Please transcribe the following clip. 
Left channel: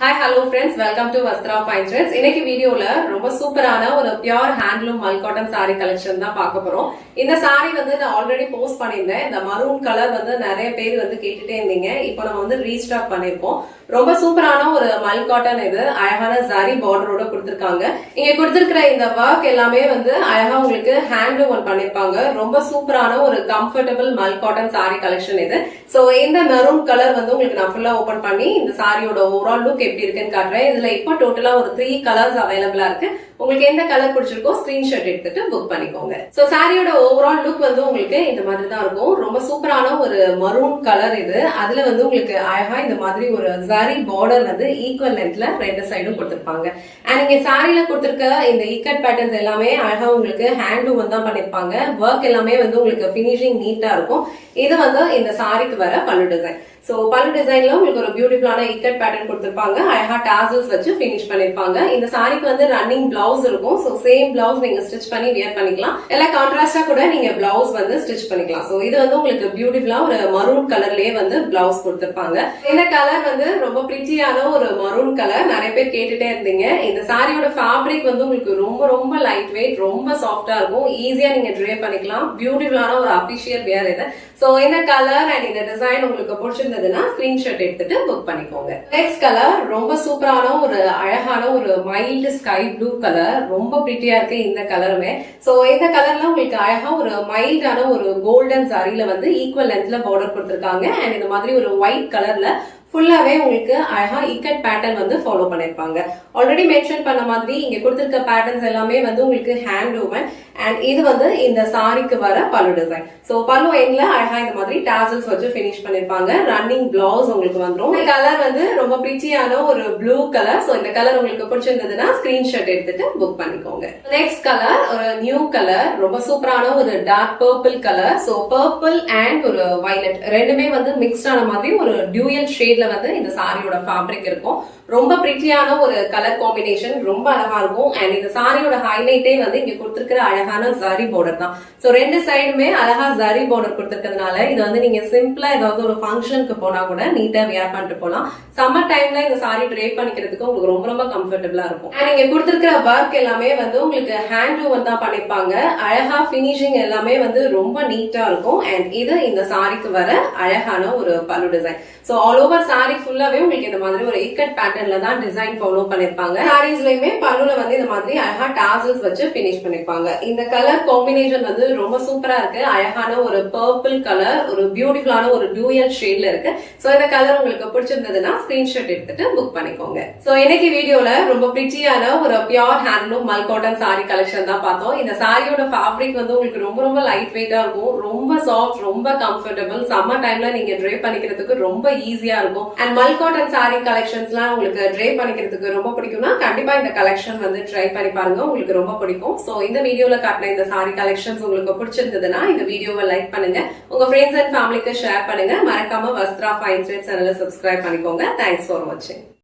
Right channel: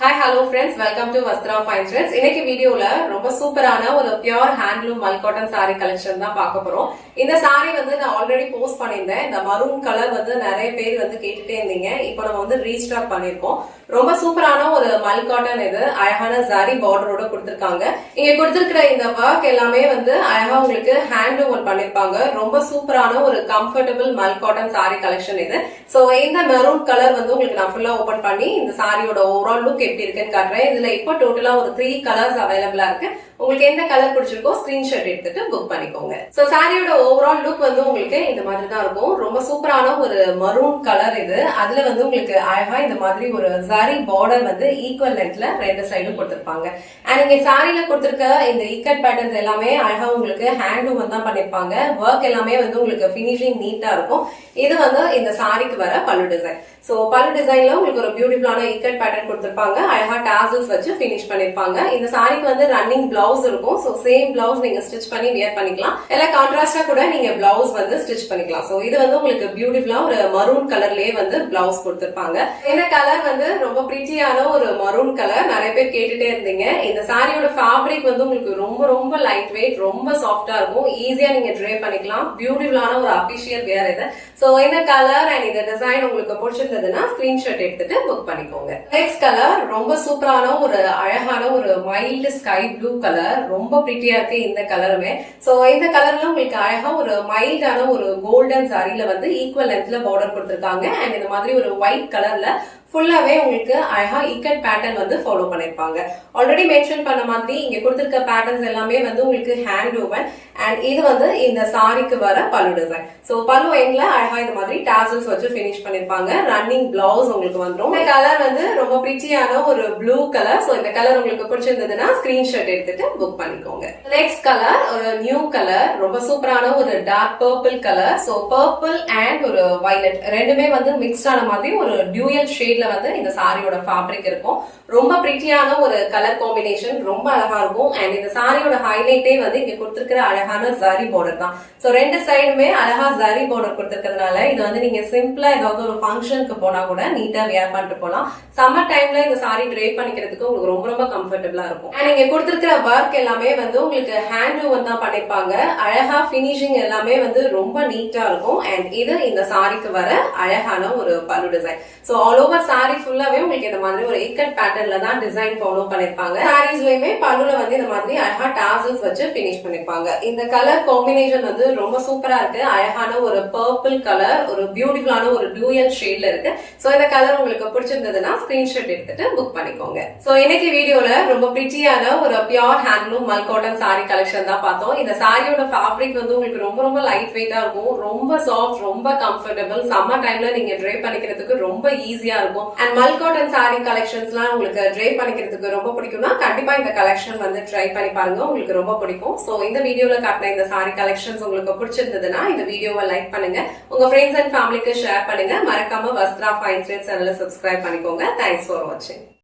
Hi, hello friends. Welcome to Vastra Fine Threads. இன்னைக்கு வீடியோல ரொம்ப சூப்பரான ஒரு பியூர் ஹேண்ட்லூம் மல் காட்டன் saree கலெக்ஷன் தான் பார்க்க போறோம். இந்த saree நான் ஆல்ரெடி போஸ்ட் பண்ணியிருந்தேன். இந்த மரூன் கலர் நிறைய பேர் கேட்டுட்டே இருந்தீங்க. இப்போ நம்ம ரீஸ்டாக் பண்ணிருக்கோம். ரொம்ப சூப்பரான ஒரு மல் காட்டன் இது. அழகான ஜரி பார்டரோட கொடுத்திருக்காங்க. இங்க கொடுத்திருக்கிற இந்த வர்க் எல்லாமே அழகா உங்களுக்கு ஹேண்ட்லூம் பண்ணிருப்பாங்க. ரொம்ப சூப்பரான ஒரு கம்ஃபர்டபிள் மல் காட்டன் saree கலெக்ஷன் இது. சோ இந்த மெரூன் கலர் உங்களுக்கு நான் ஃபுல்லா ஓபன் பண்ணி இந்த சாரியோட ஓவரால் லுக் எப்படி இருக்குன்னு காட்டுறேன். இதுல இப்போ டோட்டலா ஒரு 3 கலர்ஸ் அவைலபிளா இருக்கு. உங்களுக்கு எந்த கலர் பிடிச்சிருக்கோ ஸ்கிரீன்ஷாட் எடுத்துட்டு புக் பண்ணிக்கோங்க. சோ சாரியோட ஓவரால் லுக் உங்களுக்கு இந்த மாதிரி தான் இருக்கும். ரொம்ப சூப்பரான ஒரு மரூன் கலர் இது. அதுல உங்களுக்கு அழகா இந்த மாதிரி ஒரு ஜரி பார்டர் ஈக்குவல் லென்த்ல ரெண்டு சைடும் கொடுத்திருப்பாங்க. அண்ட் இங்க சாரியில கொடுத்திருக்க இந்த இக்கட் பேட்டர்ன்ஸ் எல்லாமே அழகா உங்களுக்கு ஹேண்ட்லூம் தான் பண்ணிருப்பாங்க. ஒர்க் எல்லாமே உங்களுக்கு பினிஷிங் நீட்டா இருக்கும். இது இந்த சாரிக்கு வர பல்லு டிசைன். சோ பல்லு டிசைன்ல உங்களுக்கு ஒரு பியூட்டிஃபுல்லான இக்கட் பேட்டர்ன் கொடுத்திருப்பாங்க. அழகா டாசல்ஸ் வச்சு பினிஷ் பண்ணிருப்பாங்க. இந்த சாரிக்கு ரன்னிங் பிளவுஸ் இருக்கும். சோ சேம் பிளவுஸ் நீங்க ஸ்டிச் பண்ணி வியர் பண்ணிக்கலாம். எல்லாம் கான்ட்ராஸ்டா கூட நீங்க பிளவுஸ் ஸ்டிச் பண்ணிக்கலாம். சோ இது உங்களுக்கு பியூட்டிஃபுல்லா ஒரு மரூன் கலர்லயே பிளவுஸ் கொடுத்திருப்பாங்க. இந்த கலர் ரொம்ப பிரிட்டியான ஒரு மரூன் கலர். நிறைய பேர் கேட்டுட்டே இருந்தீங்க. இந்த சாரியோட ஃபேப்ரிக் உங்களுக்கு ரொம்ப ரொம்ப லைட் வெயிட், ரொம்ப சாஃப்டா இருக்கும். ஈஸியா நீங்க ட்ரே பண்ணிக்கலாம். பியூட்டிஃபுல்லான ஒரு அபிஷியல் வியர் இது. சோ இந்த கலர் அண்ட் இந்த டிசைன் உங்களுக்கு பிடிச்சிருந்ததுன்னா ஸ்கிரீன்ஷாட் எடுத்துட்டு புக் பண்ணிக்கோங்க. நெக்ஸ்ட் கலர் ரொம்ப சூப்பரான ஒரு அழகான ஒரு மைல்டு ஸ்கை ப்ளூ கலர். ரொம்ப பிரிட்டியா இருக்கு இந்த கலருமே. சோ இந்த கலர்ல உங்களுக்கு அழகா ஒரு மைல்டான ஒரு கோல்டன் சாரியில ஈக்குவல் லென்த்ல பார்டர் கொடுத்திருக்காங்க. அண்ட் இந்த மாதிரி ஒரு ஒயிட் கலர்ல ஃபுல்லாவே உங்களுக்கு அழகா இக்கட் பேட்டர்ன் ஃபாலோ பண்ணிருப்பாங்க. ஆல்ரெடி மென்ஷன் பண்ண மாதிரி இங்க கொடுத்திருக்க பேட்டர்ன்ஸ் எல்லாமே உங்களுக்கு ஹேண்ட் ஓவன். அண்ட் இது இந்த சாரிக்கு வர பல்லு டிசைன். சோ பல்லு எண்ட்ல அழகா இந்த மாதிரி டாசல்ஸ் வச்சு பினிஷ் பண்ணிருப்பாங்க. ரன்னிங் பிளவுஸ் உங்களுக்கு வந்துடும். இந்த கலர் ரொம்ப பிரிட்டியான ஒரு ப்ளூ கலர். சோ இந்த கலர் உங்களுக்கு பிடிச்சிருந்ததுன்னா ஸ்கிரீன்ஷாட் எடுத்துட்டு புக் பண்ணிக்கோங்க. நெக்ஸ்ட் கலர் ஒரு நியூ கலர். ரொம்ப சூப்பரான ஒரு dark purple colour. So purple and ஒரு வயலட் ரெண்டுமே மிக்ஸ்ட் ஆன மாதிரி ஒரு டியூயல் ஷேட் இந்த சாரியோட ஃபேப்ரிக் இருக்கும். ரொம்ப பிரிட்டியான ஒரு கலர் காம்பினேஷன். ரொம்ப அழகா இருக்கும். அண்ட் இந்த சாரியோட ஹைலைட்டே இங்க கொடுத்திருக்கிற அழகான ஜரி பார்டர் தான். சோ ரெண்டு சைடுமே அழகா ஜரி பார்டர் கொடுத்திருக்கிறதுனால இது நீங்க சிம்பிளா ஏதாவது ஒரு ஃபங்க்ஷனுக்கு போனா கூட நீட்டா வியர் பண்ணிட்டு போலாம். சம்மர் டைம்ல இந்த சாரி ட்ரே பண்ணிக்கிறதுக்கு உங்களுக்கு ரொம்ப ரொம்ப கம்ஃபர்டபுளா இருக்கும். அண்ட் இங்க கொடுத்திருக்கிற ஒர்க் எல்லாமே உங்களுக்கு ஹேண்ட்லூம் தான் பண்ணிருப்பாங்க. அழகா பினிஷிங் எல்லாமே ரொம்ப நீட்டா இருக்கும். அண்ட் இது இந்த சாரிக்கு வர அழகான ஒரு பல்லு design. So all over sorry ஃபுல்லாவே உங்களுக்கு இந்த மாதிரி ஒரு இக்கட் பேட்டர்ன்ல தான் டிசைன் ஃபாலோ பண்ணிருப்பாங்க. சாரீஸ்லயுமே பல்லுல இந்த மாதிரி அழகா டாசல்ஸ் வச்சு பினிஷ் பண்ணிருப்பாங்க. இந்த கலர் காம்பினேஷன் ரொம்ப சூப்பரா இருக்கு. அழகான ஒரு பர்பிள் கலர், ஒரு பியூட்டிஃபுல்லான ஒரு டியூயல் ஷேட்ல இருக்கு. சோ இந்த கலர் உங்களுக்கு பிடிச்சிருந்ததுன்னா ஸ்கிரீன்ஷாட் எடுத்துட்டு புக் பண்ணிக்கோங்க. சோ இன்னைக்கு வீடியோல ரொம்ப பிரிட்டியான ஒரு பியூர் ஹேண்ட்லூம் மல் காட்டன் சாரி கலெக்ஷன் தான் பார்த்தோம். இந்த சாரியோட ஃபேப்ரிக் உங்களுக்கு ரொம்ப ரொம்ப லைட் வெயிட்டா இருக்கும். ரொம்ப சாஃப்ட், ரொம்ப கம்ஃபர்டபிள். சம்மர் டைம்ல நீங்க ட்ரே பண்ணிக்கிறதுக்கு ரொம்ப ஈஸியா இருக்கும். அண்ட் மல் காட்டன் சாரி கலெக்ஷன்ஸ்லாம் உங்களுக்கு ட்ரை பண்ணிக்கிறதுக்கு ரொம்ப பிடிக்கும்னா கண்டிப்பா இந்த கலெக்ஷன் ட்ரை பண்ணி பாருங்க. உங்களுக்கு ரொம்ப பிடிக்கும். சோ இந்த வீடியோல காட்டின இந்த சாரி கலெக்ஷன்ஸ் உங்களுக்கு பிடிச்சிருந்ததுன்னா இந்த வீடியோவை லைக் பண்ணுங்க. உங்க ஃப்ரெண்ட்ஸ் அண்ட் ஃபேமிலிக்கு ஷேர் பண்ணுங்க. மறக்காம வஸ்த்ரா ஃபைன் த்ரெட்ஸ் சேனலை சப்ஸ்கிரைப் பண்ணிக்கோங்க. தேங்க்ஸ் ஃபார் வாட்சிங்.